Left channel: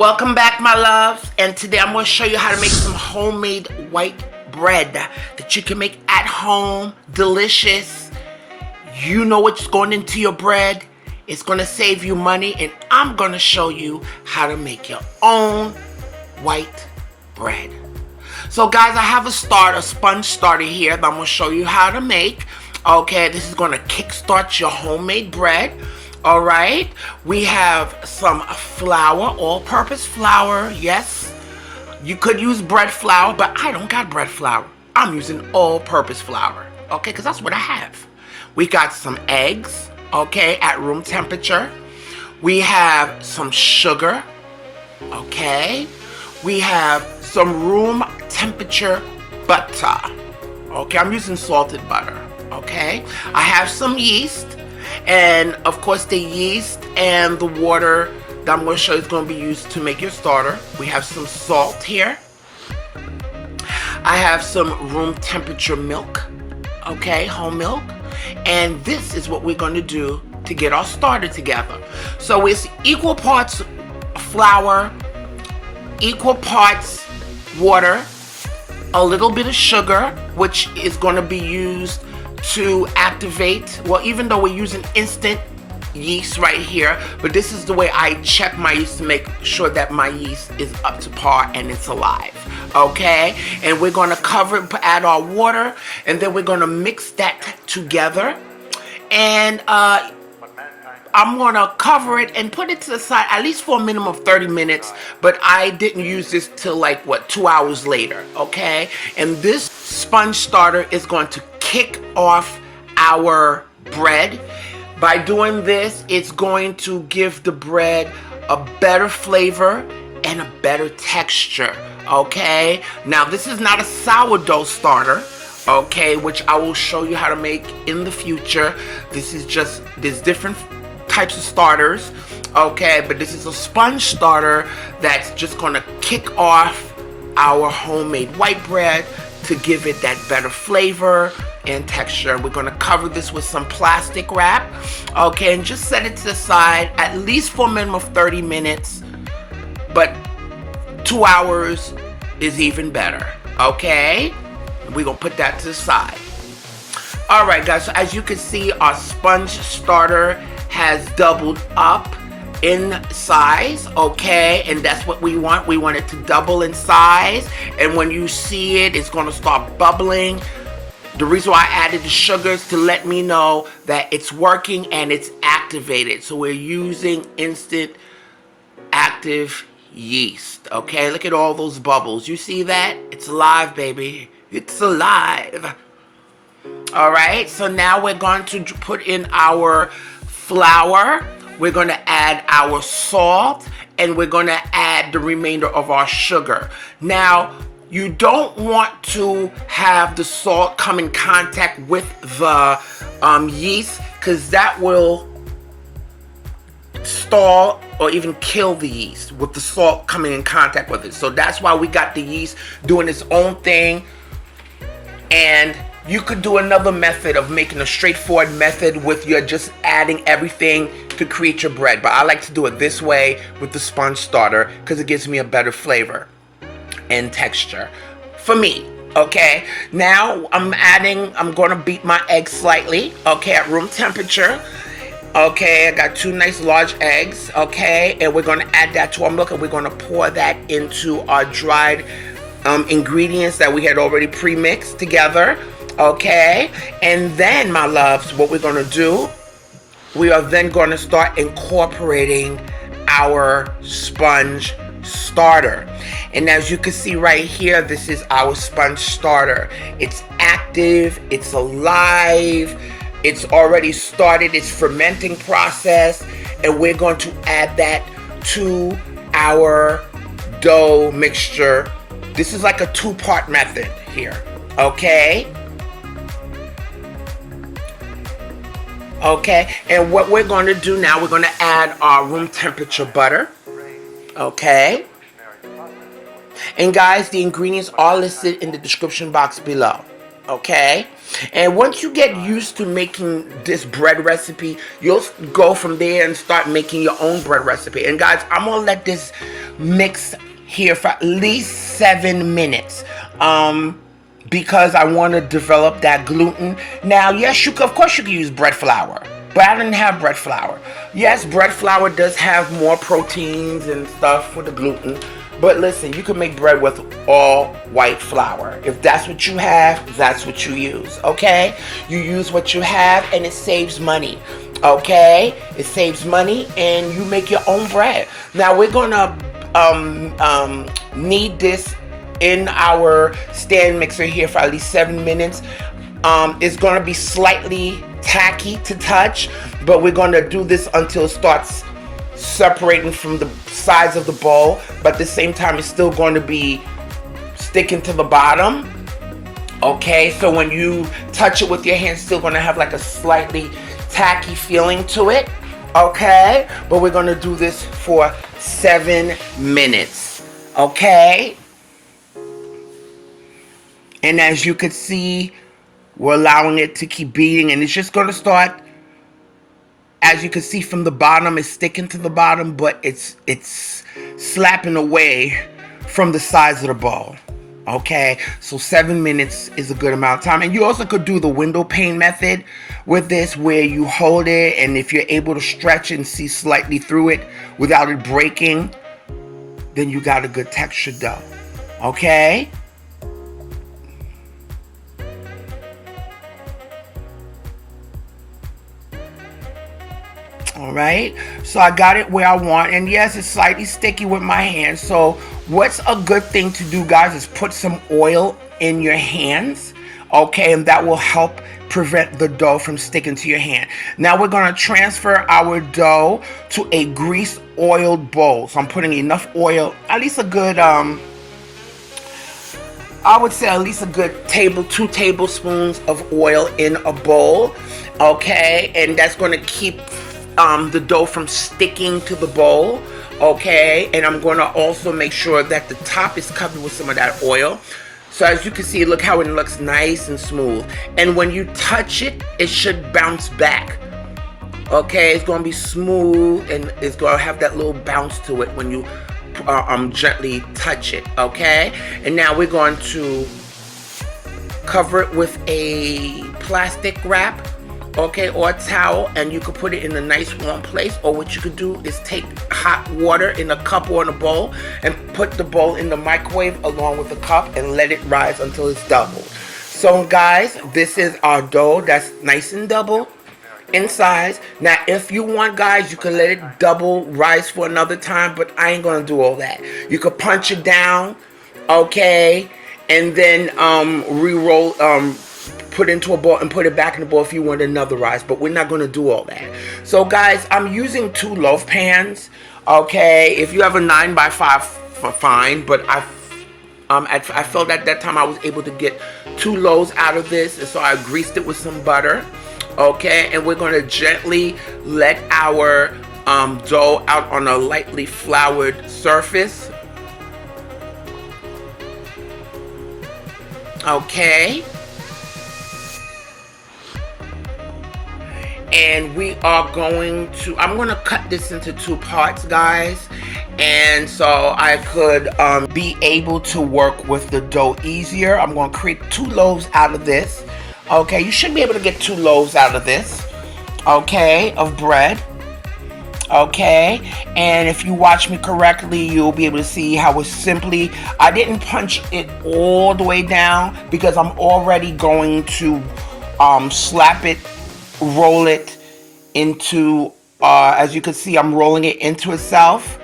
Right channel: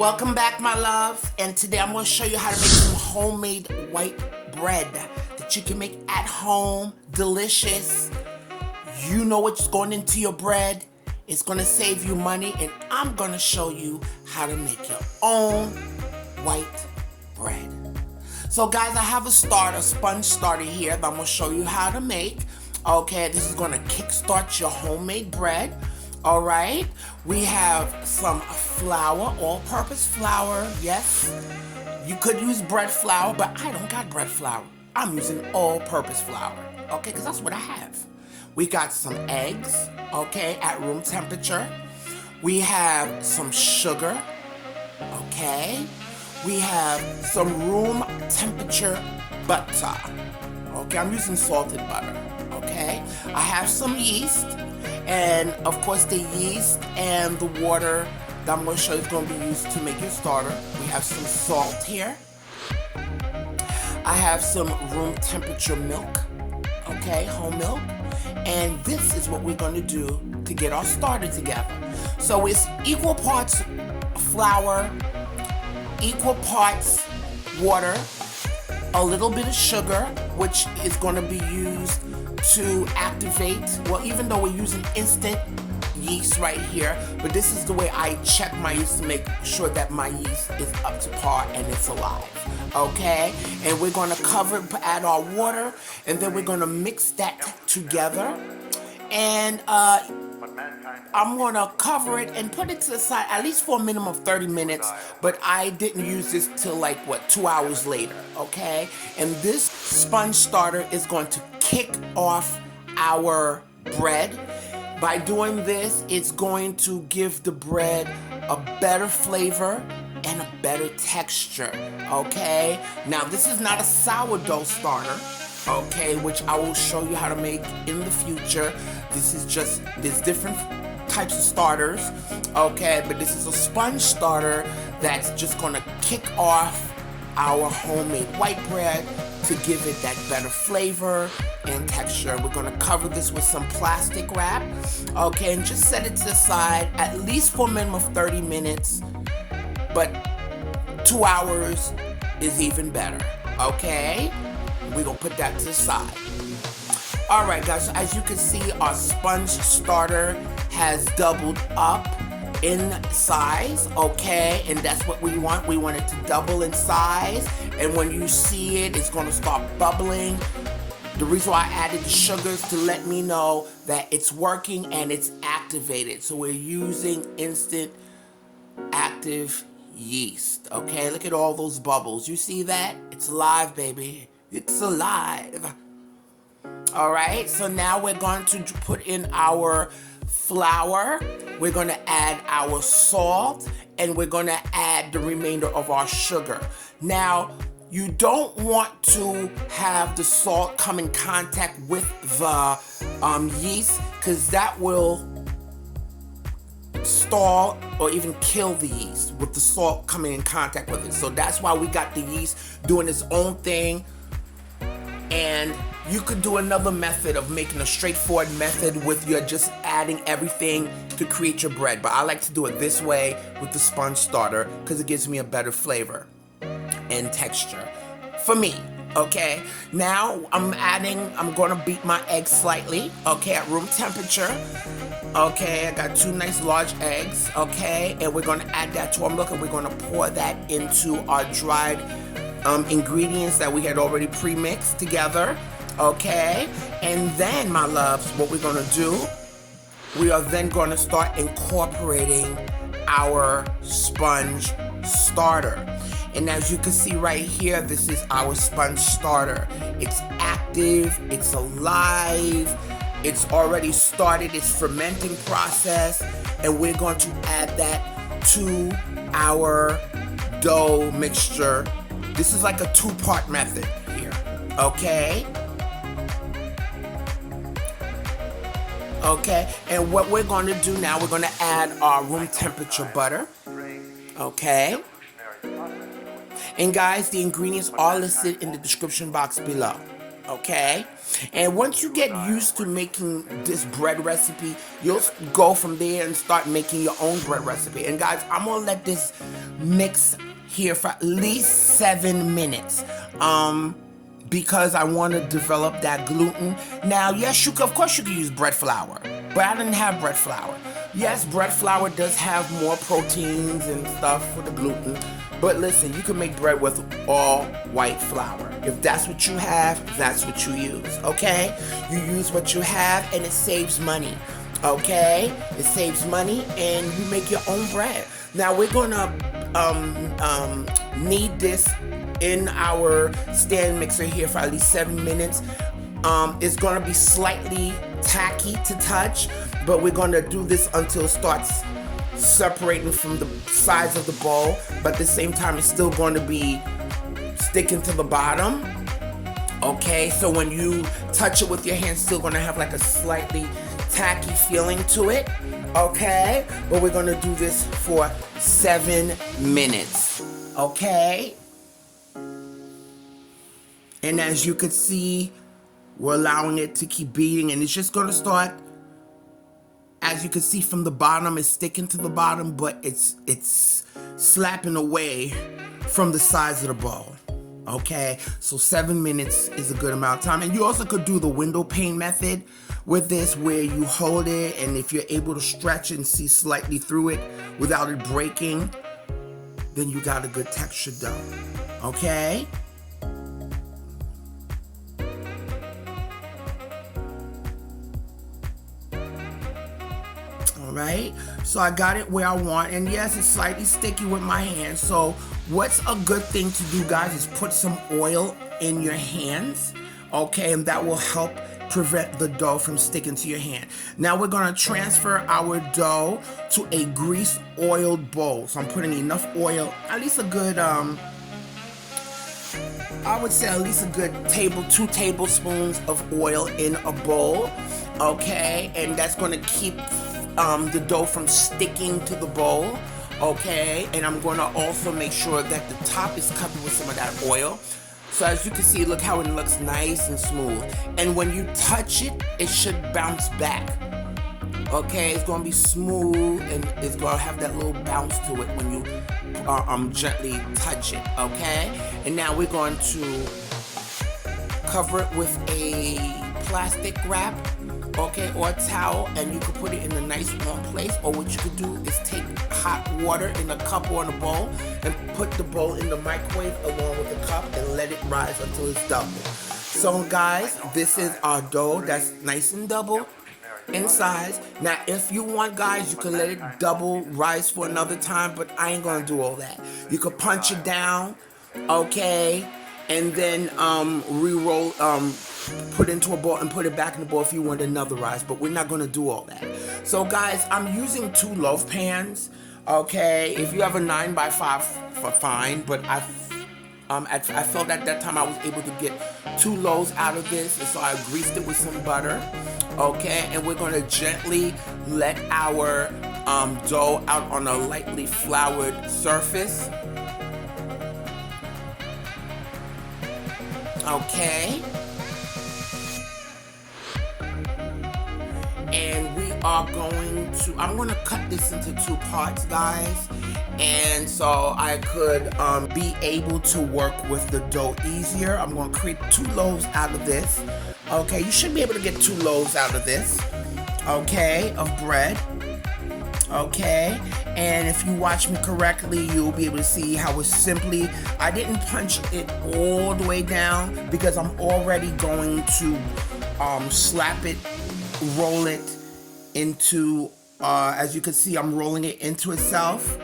Welcome back, my loves, and today I'm going to show you how to make some homemade white bread that you can make at home. Delicious. You know what's going into your bread. It's going to save you money, and I'm going to show you how to make your own white bread. So guys, I have a sponge starter here that I'm going to show you how to make. Okay, this is going to kickstart your homemade bread. All right, we have some flour, all-purpose flour. Yes, you could use bread flour, but I don't got bread flour. I'm using all-purpose flour, okay, because that's what I have. We got some eggs, okay, at room temperature. We have some sugar, okay. We have some room temperature butter, okay. I'm using salted butter, okay. I have some yeast. And of course the yeast and the water that I'm going to show you is going to be used to make your starter. We have some salt here. I have some room temperature milk, okay, whole milk. And this is what we're going to do to get our starter together. So it's equal parts flour, equal parts water, a little bit of sugar, which is going to be used to activate, well, even though we're using instant yeast right here, but this is the way I check my yeast to make sure that my yeast is up to par and it's alive, okay? And we're gonna cover it, add our water, and then we're gonna mix that together. And I'm gonna cover it and put it to the side at least for a minimum of 30 minutes, but I didn't use this till like, 2 hours later, okay? And this sponge starter is going to kick off our bread. By doing this, it's going to give the bread a better flavor and a better texture, okay? Now, this is not a sourdough starter, okay, which I will show you how to make in the future. There's different types of starters, okay, but this is a sponge starter that's just gonna kick off our homemade white bread to give it that better flavor and texture. We're gonna cover this with some plastic wrap, okay, and just set it to the side at least for a minimum of 30 minutes, but 2 hours is even better, okay? We're gonna put that to the side. All right, guys, so as you can see, our sponge starter has doubled up in size, okay, and that's what we want. We want it to double in size, and when you see it, it's gonna start bubbling. The reason why I added the sugar is to let me know that it's working and it's activated. So we're using instant active yeast, okay? Look at all those bubbles. You see that? It's alive, baby. It's alive. All right, so now we're going to put in our flour. We're going to add our salt, and we're going to add the remainder of our sugar. Now, you don't want to have the salt come in contact with the yeast, because that will stall or even kill the yeast with the salt coming in contact with it. So that's why we got the yeast doing its own thing. And you could do another method of making a straightforward method with your just adding everything to create your bread. But I like to do it this way with the sponge starter because it gives me a better flavor and texture for me, okay? Now I'm gonna beat my eggs slightly, okay, at room temperature. Okay, I got 2 nice large eggs, okay? And we're gonna add that to our milk, and we're gonna pour that into our dried ingredients that we had already pre-mixed together, okay? And then, my loves, what we're gonna do, we are then gonna start incorporating our sponge starter. And as you can see right here, this is our sponge starter. It's active, it's alive, it's already started its fermenting process, and we're going to add that to our dough mixture. This is like a 2-part method here, okay? Okay, and what we're going to do now, we're going to add our room temperature butter, okay? And guys, the ingredients are listed in the description box below, okay? And once you get used to making this bread recipe, you'll go from there and start making your own bread recipe. And guys, I'm gonna let this mix here for at least 7 minutes. Because I want to develop that gluten. Now, yes, of course you can use bread flour, but I didn't have bread flour. Yes, bread flour does have more proteins and stuff with the gluten, but listen, you can make bread with all white flour. If that's what you have, that's what you use, okay? You use what you have and it saves money, okay? It saves money and you make your own bread. Now, we're gonna knead this in our stand mixer here for at least 7 minutes. It's gonna be slightly tacky to touch, but we're gonna do this until it starts separating from the sides of the bowl, but at the same time it's still going to be sticking to the bottom. Okay, so when you touch it with your hands, it's still gonna have like a slightly tacky feeling to it. Okay, but we're gonna do this for 7 minutes. Okay. And as you can see, we're allowing it to keep beating, and it's just going to start, as you can see from the bottom, it's sticking to the bottom, but it's slapping away from the sides of the bowl. Okay, so 7 minutes is a good amount of time. And you also could do the window pane method with this, where you hold it, and if you're able to stretch it and see slightly through it without it breaking, then you got a good textured dough. Okay. All right, so I got it where I want, and yes, it's slightly sticky with my hands. So what's a good thing to do, guys, is put some oil in your hands, okay, and that will help prevent the dough from sticking to your hand. Now we're gonna transfer our dough to a grease oiled bowl. So I'm putting enough oil, at least a good, I would say at least a good 2 tablespoons of oil in a bowl, okay, and that's gonna keep the dough from sticking to the bowl, okay, and I'm going to also make sure that the top is covered with some of that oil. So as you can see, look how it looks nice and smooth, and when you touch it, it should bounce back. Okay, it's going to be smooth and it's going to have that little bounce to it when you gently touch it, okay. And now we're going to cover it with a plastic wrap, okay, or a towel, and you could put it in a nice warm place. Or what you could do is take hot water in a cup or in a bowl and put the bowl in the microwave along with the cup and let it rise until it's double. So guys, this is our dough that's nice and double in size. Now if you want, guys, you can let it double rise for another time, but I ain't gonna do all that. You could punch it down, okay, and then re-roll, put into a bowl and put it back in the bowl if you want another rise, but we're not going to do all that. So guys, I'm using 2 loaf pans, okay. If you have a 9x5, fine, but I felt at that time I was able to get 2 loaves out of this, and so I greased it with some butter, okay, and we're going to gently let our dough out on a lightly floured surface, okay. And we are going to, I'm going to cut this into 2 parts, guys. And so I could be able to work with the dough easier. I'm going to create 2 loaves out of this. Okay, you should be able to get 2 loaves out of this, okay, of bread. Okay, and if you watch me correctly, you'll be able to see how it's simply, I didn't punch it all the way down because I'm already going to slap it, roll it into, as you can see, I'm rolling it into itself,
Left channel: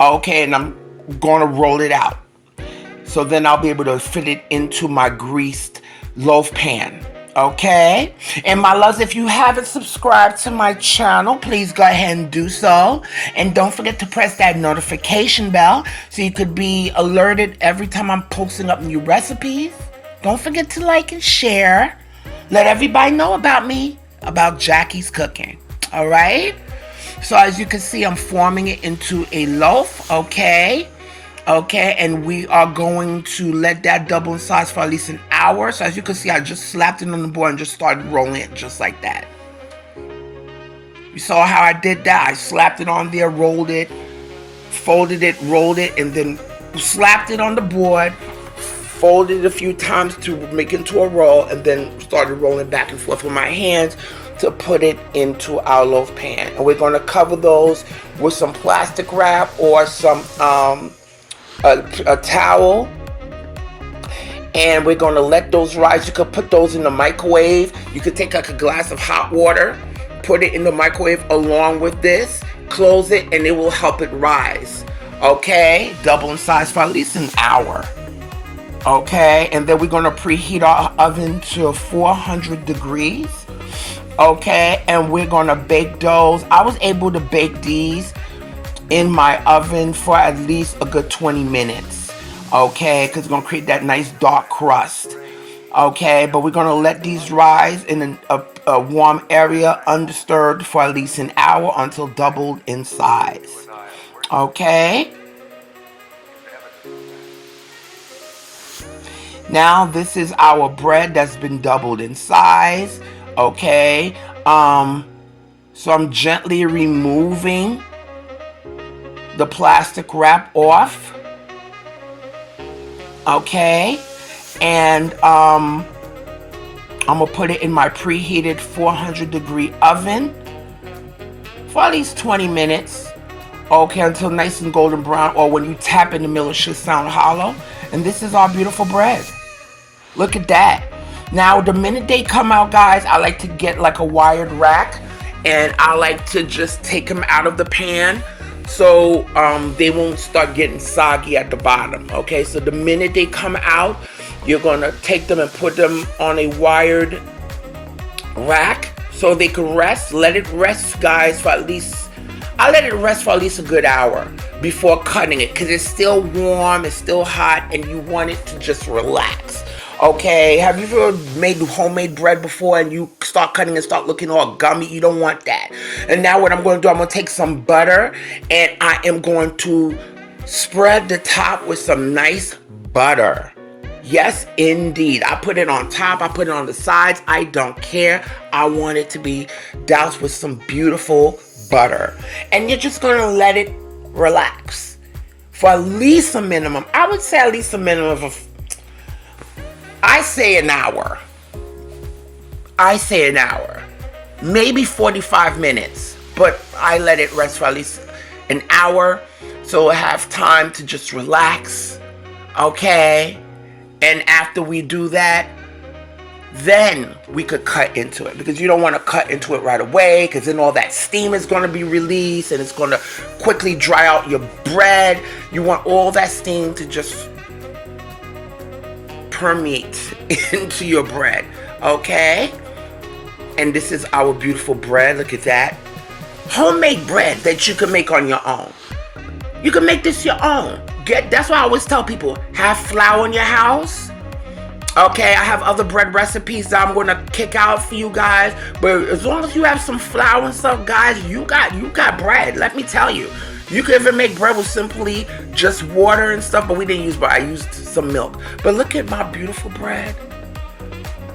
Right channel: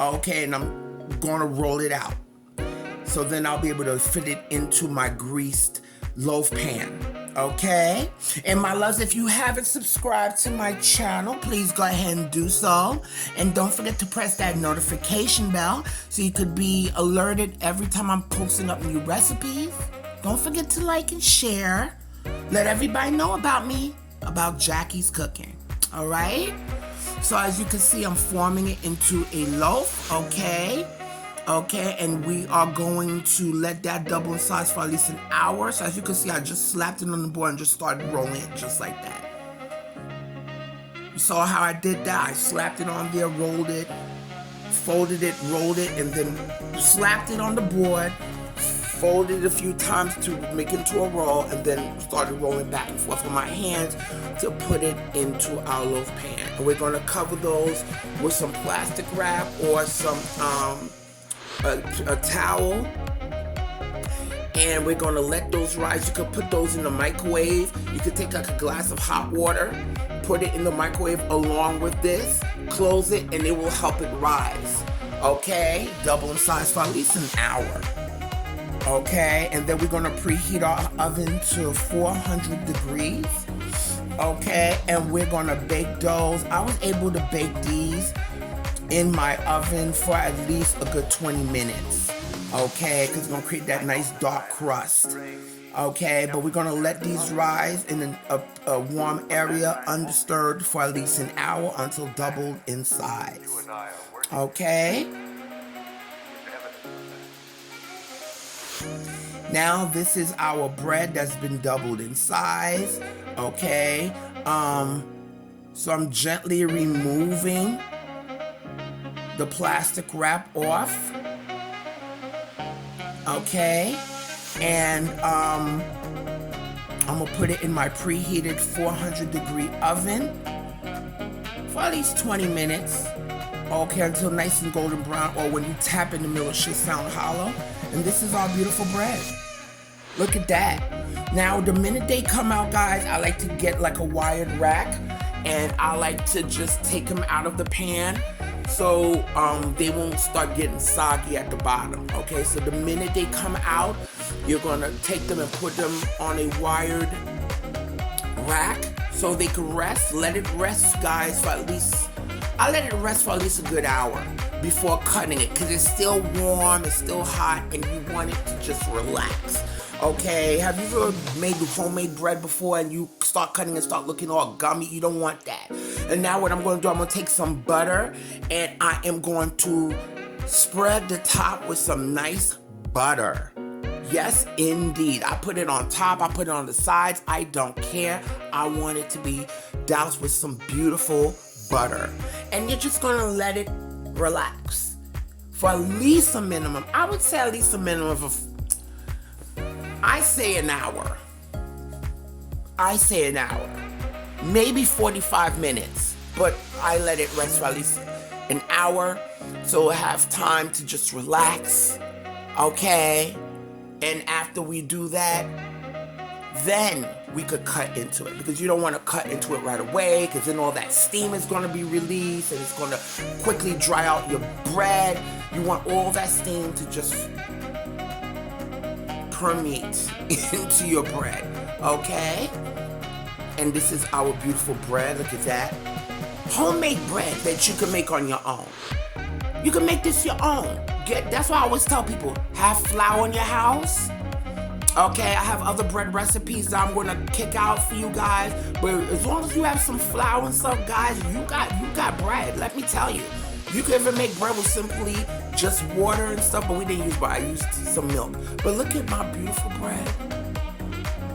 okay, and I'm going to roll it out. So then I'll be able to fit it into my greased loaf pan, okay? And my loves, if you haven't subscribed to my channel, please go ahead and do so. And don't forget to press that notification bell so you could be alerted every time I'm posting up new recipes. Don't forget to like and share. Let everybody know about me, about Jackie's Cooking, all right? So as you can see, I'm forming it into a loaf, okay? Okay, and we are going to let that double in size for at least an hour. So as you can see, I just slapped it on the board and just started rolling it just like that. You saw how I did that? I slapped it on there, rolled it, folded it, rolled it, and then slapped it on the board, folded it a few times to make it into a roll, and then started rolling back and forth with my hands to put it into our loaf pan. And we're going to cover those with some plastic wrap or some a towel, and we're going to let those rise. You could put those in the microwave. You could take like a glass of hot water, put it in the microwave along with this, close it, and it will help it rise. Okay, double in size for at least an hour. Okay, and then we're going to preheat our oven to 400 degrees. Okay, and we're going to bake those. I was able to bake these in my oven for at least a good 20 minutes. Okay, because it's going to create that nice dark crust. Okay, but we're going to let these rise in a warm area undisturbed for at least an hour until doubled in size. Okay. Now this is our bread that's been doubled in size. Okay. So I'm gently removing the plastic wrap off. Okay. And I'm gonna put it in my preheated 400 degree oven for at least 20 minutes. Okay, until nice and golden brown, or when you tap in the middle it should sound hollow. And this is our beautiful bread. Look at that. Now the minute they come out, guys, I like to get like a wired rack, and I like to just take them out of the pan so they won't start getting soggy at the bottom. Okay, so the minute they come out, you're gonna take them and put them on a wired rack so they can rest. Let it rest, guys, for at least, I let it rest for at least a good hour before cutting it, because it's still warm, it's still hot, and you want it to just relax. Okay, have you ever made homemade bread before and you start cutting and start looking all gummy? You don't want that. And now what I'm going to do, I'm going to take some butter and I am going to spread the top with some nice butter. Yes, indeed. I put it on top, I put it on the sides. I don't care. I want it to be doused with some beautiful butter. And you're just going to let it relax for at least a minimum. I would say at least a minimum of I say an hour. Maybe 45 minutes, but I let it rest for at least an hour so I have time to just relax. Okay? And after we do that, then we could cut into it, because you don't want to cut into it right away, because then all that steam is going to be released and it's going to quickly dry out your bread. You want all that steam to just permeate into your bread. Okay? And this is our beautiful bread. Look at that. Homemade bread that you can make on your own. You can make this your own. That's why I always tell people, have flour in your house. Okay, I have other bread recipes that I'm gonna kick out for you guys. But as long as you have some flour and stuff, guys, you got bread. Let me tell you. You could even make bread with simply just water and stuff, but we didn't use bread. I used some milk. But look at my beautiful bread.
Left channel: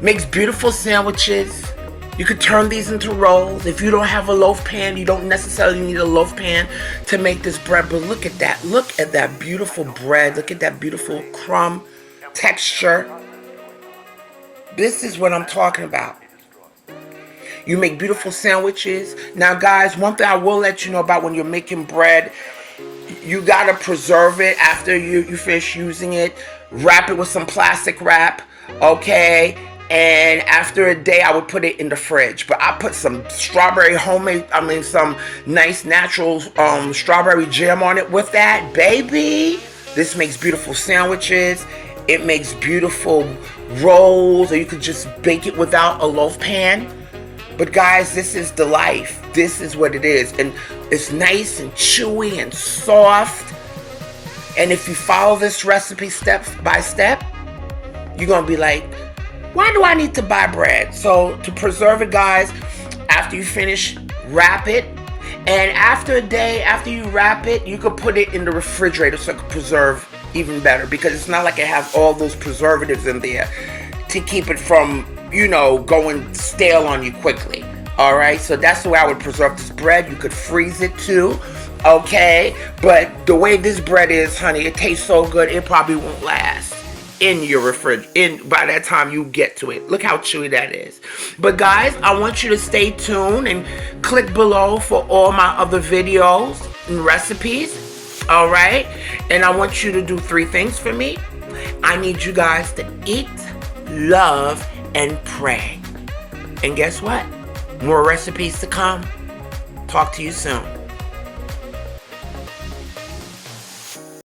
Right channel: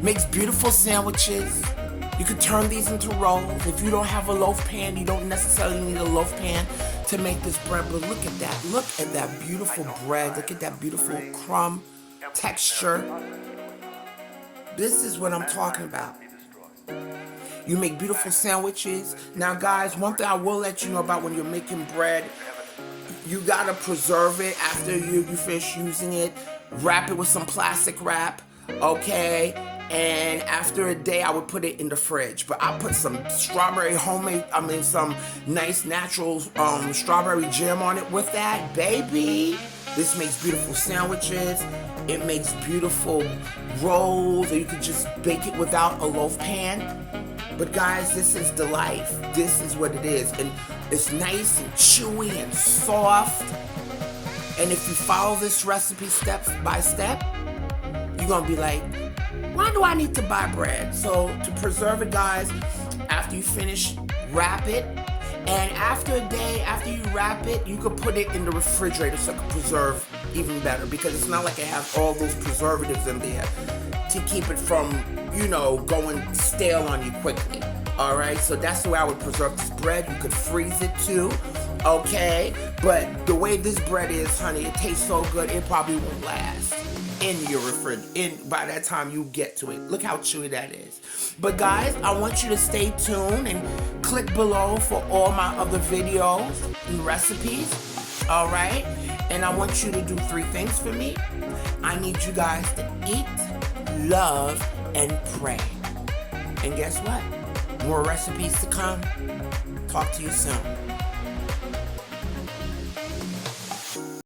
Makes beautiful sandwiches. You could turn these into rolls. If you don't have a loaf pan, you don't necessarily need a loaf pan to make this bread. But look at that. Look at that beautiful bread. Look at that beautiful crumb texture. This is what I'm talking about. You make beautiful sandwiches. Now, guys, one thing I will let you know about when you're making bread, you gotta preserve it after you finish using it. Wrap it with some plastic wrap, okay? And after a day, I would put it in the fridge. But I put some some nice natural strawberry jam on it with that, baby. This makes beautiful sandwiches. It makes beautiful rolls, or you could just bake it without a loaf pan. But guys, this is the life. This is what it is. And it's nice and chewy and soft. And if you follow this recipe step by step, you're going to be like, why do I need to buy bread? So to preserve it, guys, after you finish, wrap it And after a day, after you wrap it, you could put it in the refrigerator so it can preserve even better, because it's not like it has all those preservatives in there to keep it from, going stale on you quickly. All right, so that's the way I would preserve this bread. You could freeze it too, okay? But the way this bread is, honey, it tastes so good, it probably won't last in your refrigerator by that time you get to it. Look how chewy that is. But guys, I want you to stay tuned and click below for all my other videos and recipes, all right? And I want you to do 3 things for me. I need you guys to eat, love, and pray. And guess what? More recipes to come. Talk to you soon.